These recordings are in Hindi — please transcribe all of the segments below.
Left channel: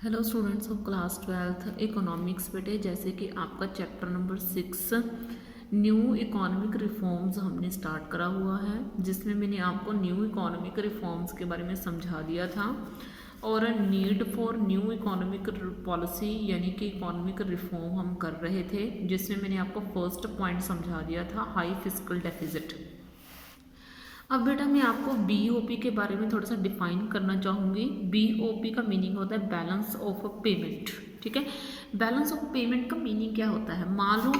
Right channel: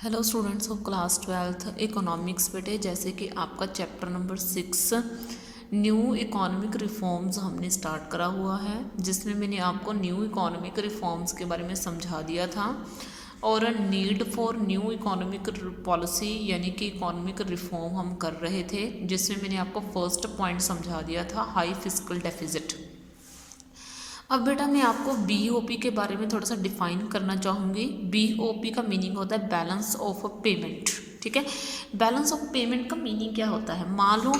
Hello students of class 12th economics बेटे, जैसे कि आपका chapter number 6 new economic reforms हमने स्टार्ट करा हुआ है, जिसमें मैंने आपको न्यू इकोनॉमिक रिफॉर्म्स के बारे में समझा दिया था और need for new economic policy यानी कि इकोनॉमिक रिफॉर्म हम कर रहे थे, जिसमें मैंने आपको फर्स्ट पॉइंट समझा दिया था हाई फिस्कल डेफिसिट। अब बेटा मैं आपको बीओपी के बारे में थोड़ा सा डिफाइन करना चाहूँगी। बीओपी का मीनिंग होता है बैलेंस ऑफ पेमेंट। ठीक है, बैलेंस ऑफ पेमेंट का मीनिंग क्या होता है? मान लो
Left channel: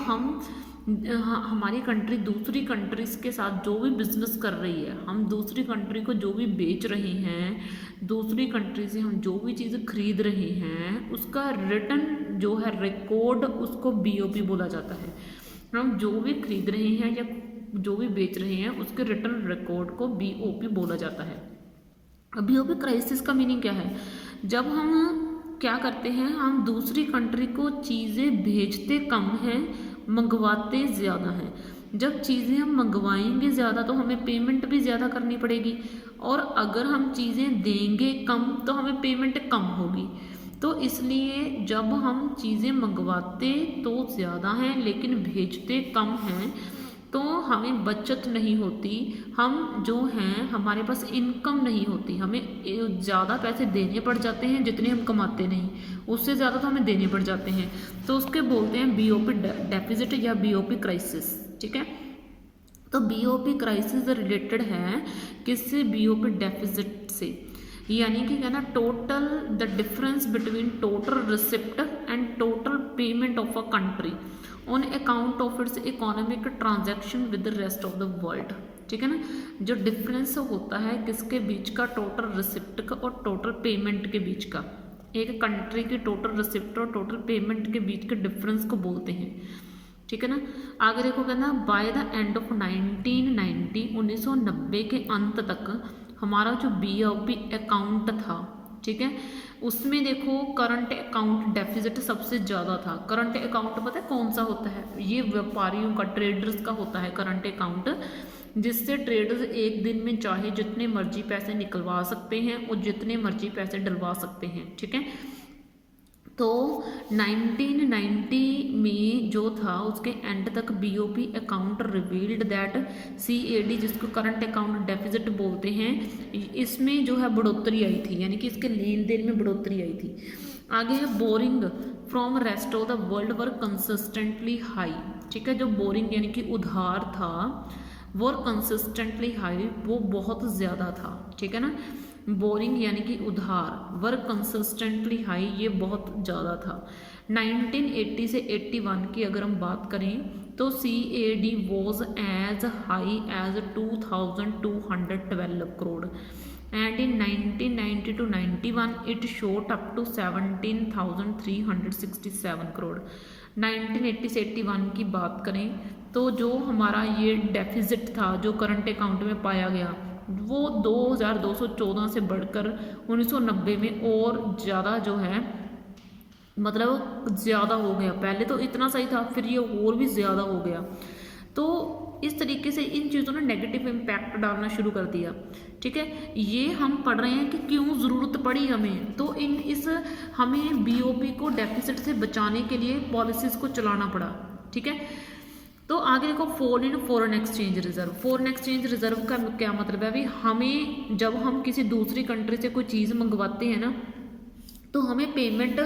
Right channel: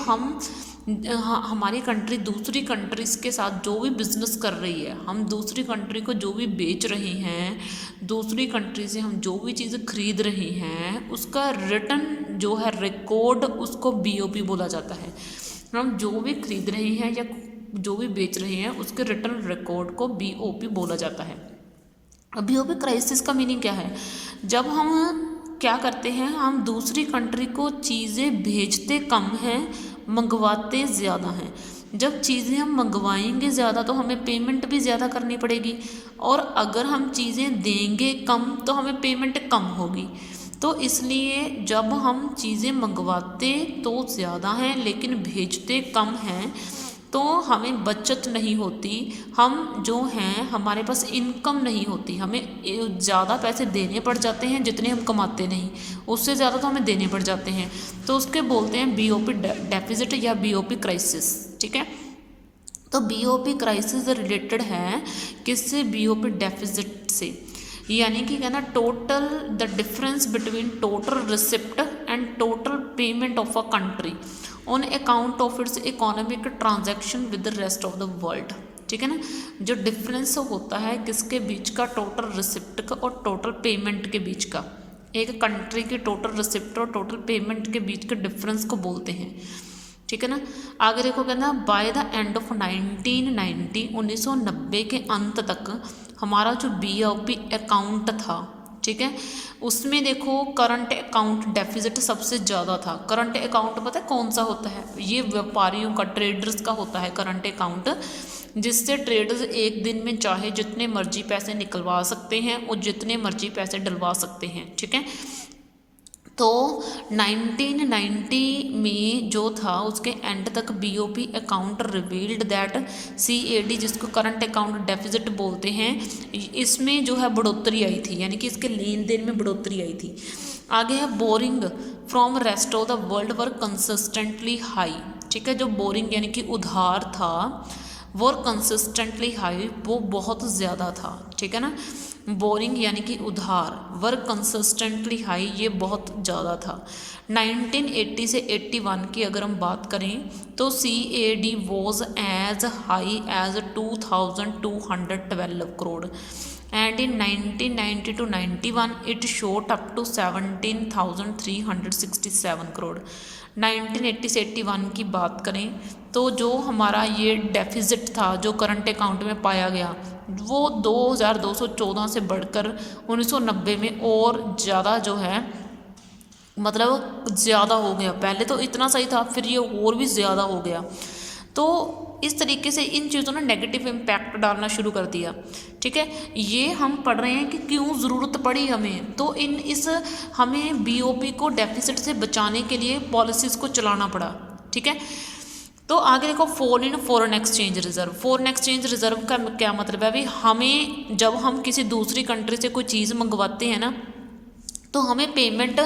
हमारी कंट्री दूसरी कंट्रीज के साथ जो भी बिजनेस कर रही है, हम दूसरी कंट्री को जो भी बेच रहे हैं, दूसरी कंट्री से हम जो भी चीज़ खरीद रहे हैं, उसका रिटर्न जो है रिकॉर्ड, उसको बीओपी बोला जाता है। हम जो भी खरीद रहे हैं या जो भी बेच रहे हैं उसके रिटर्न रिकॉर्ड को बीओपी बोला जाता है। अब बीओपी क्राइसिस का मीनिंग क्या है? जब हम क्या करते हैं, हम दूसरी कंट्री को चीज़ें भेजते कम हैं, मंगवाते ज़्यादा हैं। जब चीज़ें हम मंगवाएंगे ज़्यादा तो हमें पेमेंट भी ज़्यादा करनी पड़ेगी, और अगर हम चीज़ें देंगे कम तो हमें पेमेंट कम होगी। तो इसलिए जब हम चीज़ें मंगवाते तो ज़्यादा हैं लेकिन भेजते कम हैं, तो हमें बचत नहीं होती, हम जो हैं हमारे पास इनकम नहीं होती, हमें ज़्यादा पैसे देने पड़ जाते हैं जितने हम कमाते नहीं, उससे ज़्यादा तो हमें देने पड़ जाते हैं। तो उसके बोलते हैं बीओपी डेफिसिट या बीओपी क्राइसिस। ठीक है, तो बीओपी क्राइसिस रिलेटेड है किससे? बीओपी डेफिसिट से। यानी कि कहना total the difference between total receipt and total payment of a country on account of its economic transaction with the rest of the world. ठीक है ना, जो डिफरेंस होता है किसके बीच का? टोटल रिसिप्ट का और टोटल पेमेंट के बीच का। एक कंट्री की टोटल रिसिप्ट और टोटल पेमेंट के बीच के डिफरेंस को बोलते हैं। ठीक है ना, आगे देखो कहना बाय द एंड ऑफ 1990 के अंत तक हमारा जो बीओपी अकाउंट था, ठीक है, उसमें देखो करंट अकाउंट डेफिसिट सबसे ज़्यादा था। करंट अकाउंट पता है कौन सा होता है? ये व्यापारियों का, ट्रेडर्स का होता है करंट अकाउंट, जिससे ट्रेडर्स एक दिन में चाहे जितने मर्जी पैसे निकलवा सकते हैं और जितने मर्जी पैसे डलवा सकते हैं। ठीक है, तो 1990 में जो था उसके एंड तक BOP account revealed that CAD, जिसको करंट अकाउंट डेफिसिट बोलते हैं, इसमें जो है बढ़ोतरी आई थी, यानी कि इसके लेन देन में बढ़ोतरी आई थी। आगे है boring from rest of the world were consistently high. ठीक है, जो बोरिंग यानी कि उधार था वो कंसिस्टेंटली हाई, वो बहुत ज़्यादा था। ठीक है ना, बोरिंग यानी कि उधार, वर कंसिस्टेंटली हाई, ये बहुत ज़्यादा था। 1980 से 81 की अगर हम बात करें तो CAD was as high as 2212 crore, and in 1990 to 91 it shot up to 17,367 crore. 1980 से 81 की बात करें तो जो हमारा ये डेफिसिट था जो करंट अकाउंट में पाया गया, वो 2214 से बढ़कर 1990 में और ज़्यादा जो है, मतलब ज़्यादा हो गया। पहले तो इतना सही था, फिर ये और भी ज़्यादा हो गया। तो इस तरीके से इन चीज़ों ने नेगेटिव इम्पैक्ट डालना शुरू कर दिया। ठीक है, ये हम पढ़ रहे हैं कि क्यों ज़रूरत पड़ी हमें, तो हमें बीओपी को डेफिसिट से बचाने के लिए पॉलिसीज़ को चलाना पड़ा। ठीक है, तो आगे देखो fall in foreign exchange reserve. Foreign exchange reserve का क्या मतलब है? अभी हमें जब हम किसी दूसरी कंट्री से कोई चीज़ मंगवाते हैं ना, तो हमें पेमेंट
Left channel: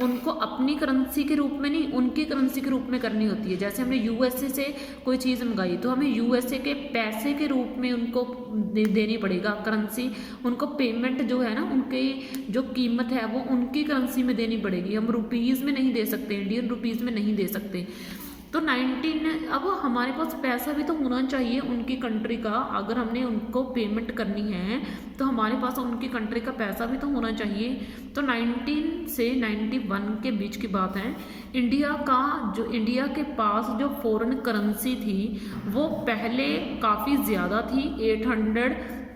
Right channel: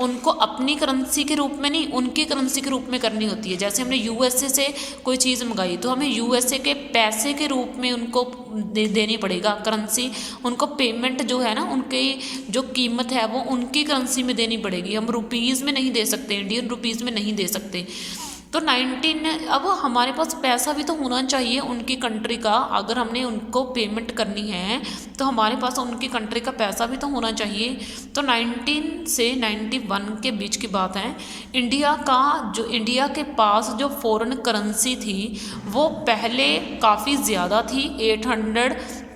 उनको अपनी करेंसी के रूप में नहीं, उनकी करेंसी के रूप में करनी होती है। जैसे हमने यूएसए से कोई चीज़ मंगाई तो हमें यूएसए के पैसे के रूप में उनको देनी पड़ेगा करेंसी, उनको पेमेंट जो है ना, उनकी जो कीमत है वो उनकी करेंसी में देनी पड़ेगी। हम रुपीज़ में नहीं दे सकते, इंडियन रुपीज़ में नहीं दे सकते। तो अब हमारे पास पैसा भी तो होना चाहिए उनकी कंट्री का, अगर हमने उनको पेमेंट करनी है तो हमारे पास उनकी कंट्री का पैसा भी तो होना चाहिए। तो 19 से 91 के बीच की बात है। इंडिया के पास जो फॉरेन करेंसी थी वो पहले काफ़ी ज़्यादा थी,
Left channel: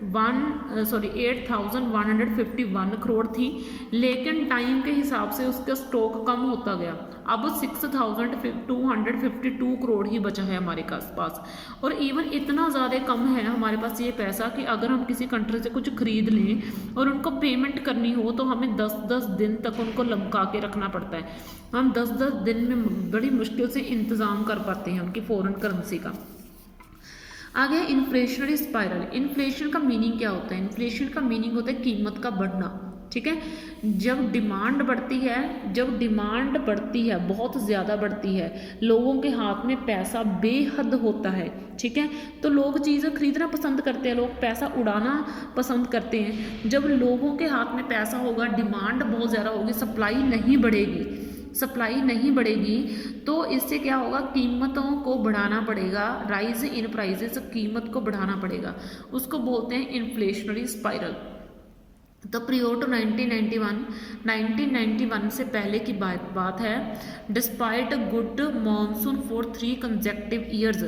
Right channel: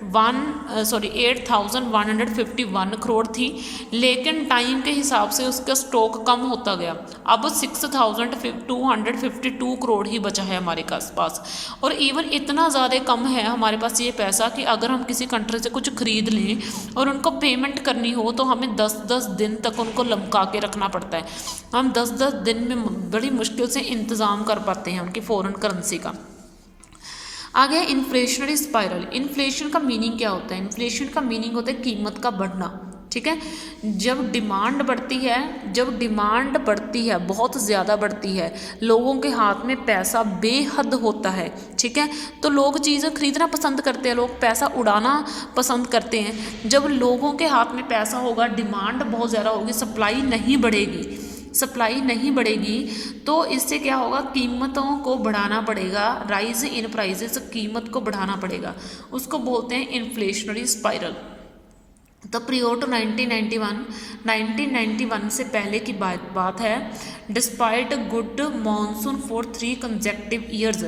8,151 करोड़ थी, लेकिन टाइम के हिसाब से उसका स्टॉक कम होता गया। अब 6,252 करोड़ ही बचा है हमारे पास। और इवन इतना ज़्यादा कम है हमारे पास ये पैसा कि अगर हम किसी कंट्री से कुछ ख़रीद लें और उनको पेमेंट करनी हो तो हमें 10-10 दिन तक उनको लमका के रखना पड़ता है। हम 10-10 दिन में बड़ी मुश्किल से इंतज़ाम कर पाते हैं उनकी फ़ॉरेन करेंसी का। आगे इन्फ्लेशनरी स्पाइरल। इन्फ्लेशन का मीनिंग क्या होता है? इन्फ्लेशन का मीनिंग होता है कीमत का बढ़ना, ठीक है। जब डिमांड बढ़ती है बहुत ज़्यादा बढ़ती है, लोगों के हाथ में पैसा बेहद होता है, ठीक है, तो लोग चीज़ें खरीदना पसंद करते हैं, लोग पैसा उड़ाना पसंद करते हैं। जब लोगों के हाथ में पैसा होगा, डिमांड बहुत ज़्यादा होगी, सप्लाई नहीं बढ़ेगी तो इससे क्या होगा, कीमतों को बढ़ाना पड़ेगा। राइज इन प्राइजेस, कीमत को बढ़ाना पड़ेगा, उसको बोलते हैं इन्फ्लेशनरी स्पाइरल। तो प्रियोर टू 1991 से पहले की बात है। Despite good monsoon for 3 consecutive years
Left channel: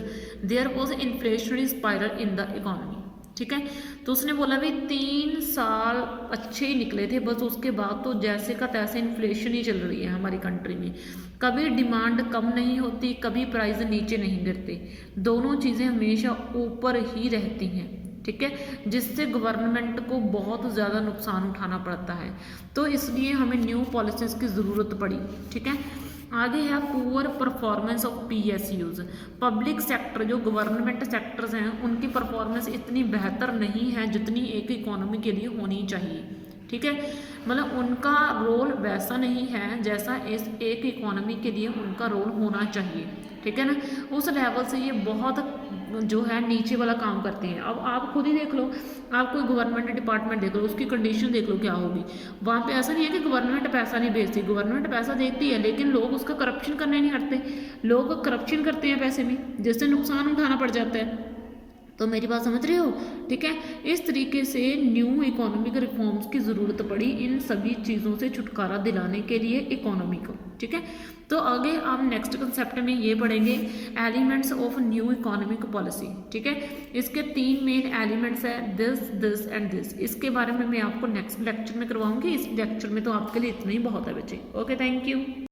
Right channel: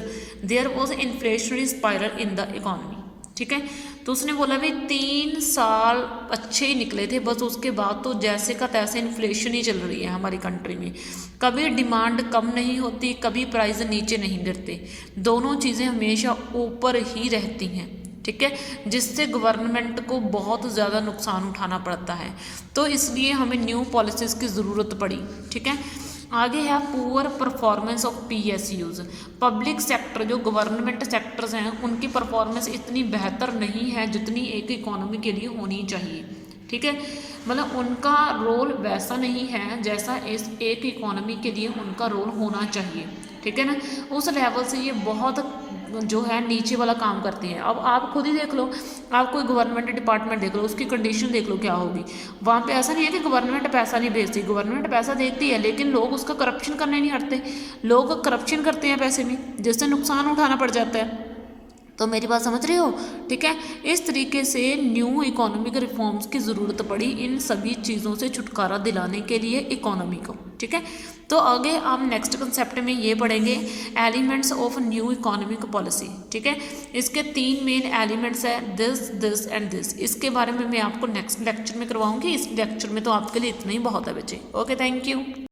there was inflationary spiral in the economy, ठीक है। तो उसने बोला भाई 3 साल अच्छे ही निकले थे, बस उसके बाद तो जैसे का तैसे इन्फ्लेशन ही चल रही है हमारी कंट्री में। कभी डिमांड कम नहीं होती, कभी प्राइस नीचे नहीं गिरते, दोनों चीज़ें हमेशा ऊपर ही रहती हैं, ठीक है, जिससे गवर्नमेंट को बहुत ज़्यादा नुकसान उठाना पड़ता है। तो इसलिए हमें न्यू पॉलिसीज़ की ज़रूरत पड़ी, ठीक है। आगे है poor performance of PSUs। Public sector जो गवर्नमेंट सेक्टर्स हैं उनकी परफॉर्मेंस इतनी बेहतर नहीं है जितनी एक इकोनॉमी के लिए होनी चाहिए, ठीक है। मतलब उनका रोल वैसा नहीं है जैसा इस एक इकोनॉमी के लिए उनका रोल होना चाहिए, ठीक है ना। उस लेवल से ये बहुत जो है नीचे वाला काम करते हैं। अब आप खुद ही देख लो, आप कोई गवर्नमेंट डिपार्टमेंट देख लो, उसकी कंडीशन देख लो क्या होगी। वहाँ पे ऐसा नहीं है कि गवर्नमेंट पैसा नहीं भेजती, गवर्नमेंट पैसा देती है, लेकिन लोग उसका करप्शन करने नहीं हटते, लोग करप्शन करते हैं पैसे में, जिससे नुकसान उठाना पड़ जाता है। तो मेरी बात समझ रहे हो, ठीक है। इस तरीके से न्यू इकोनॉमिक रिफॉर्म्स की ज़रूरत पड़ी इन सभी चीज़ों से छुटकारा दिलाने के लिए इकोनॉमी को, ठीक है। तो आगे हम नेक्स्ट कंसेप्ट में ये पढ़ेंगे elements of new economic policy, ठीक है। इसके 3 मेन एलिमेंट्स है, दिस एंड दिस। इसके बारे में मैं आपको नेक्स्ट लेक्चर में करवाऊंगी। इस लेक्चर में तो आपके लिए इतना ही बहुत है बच्चे। Okay, thank you.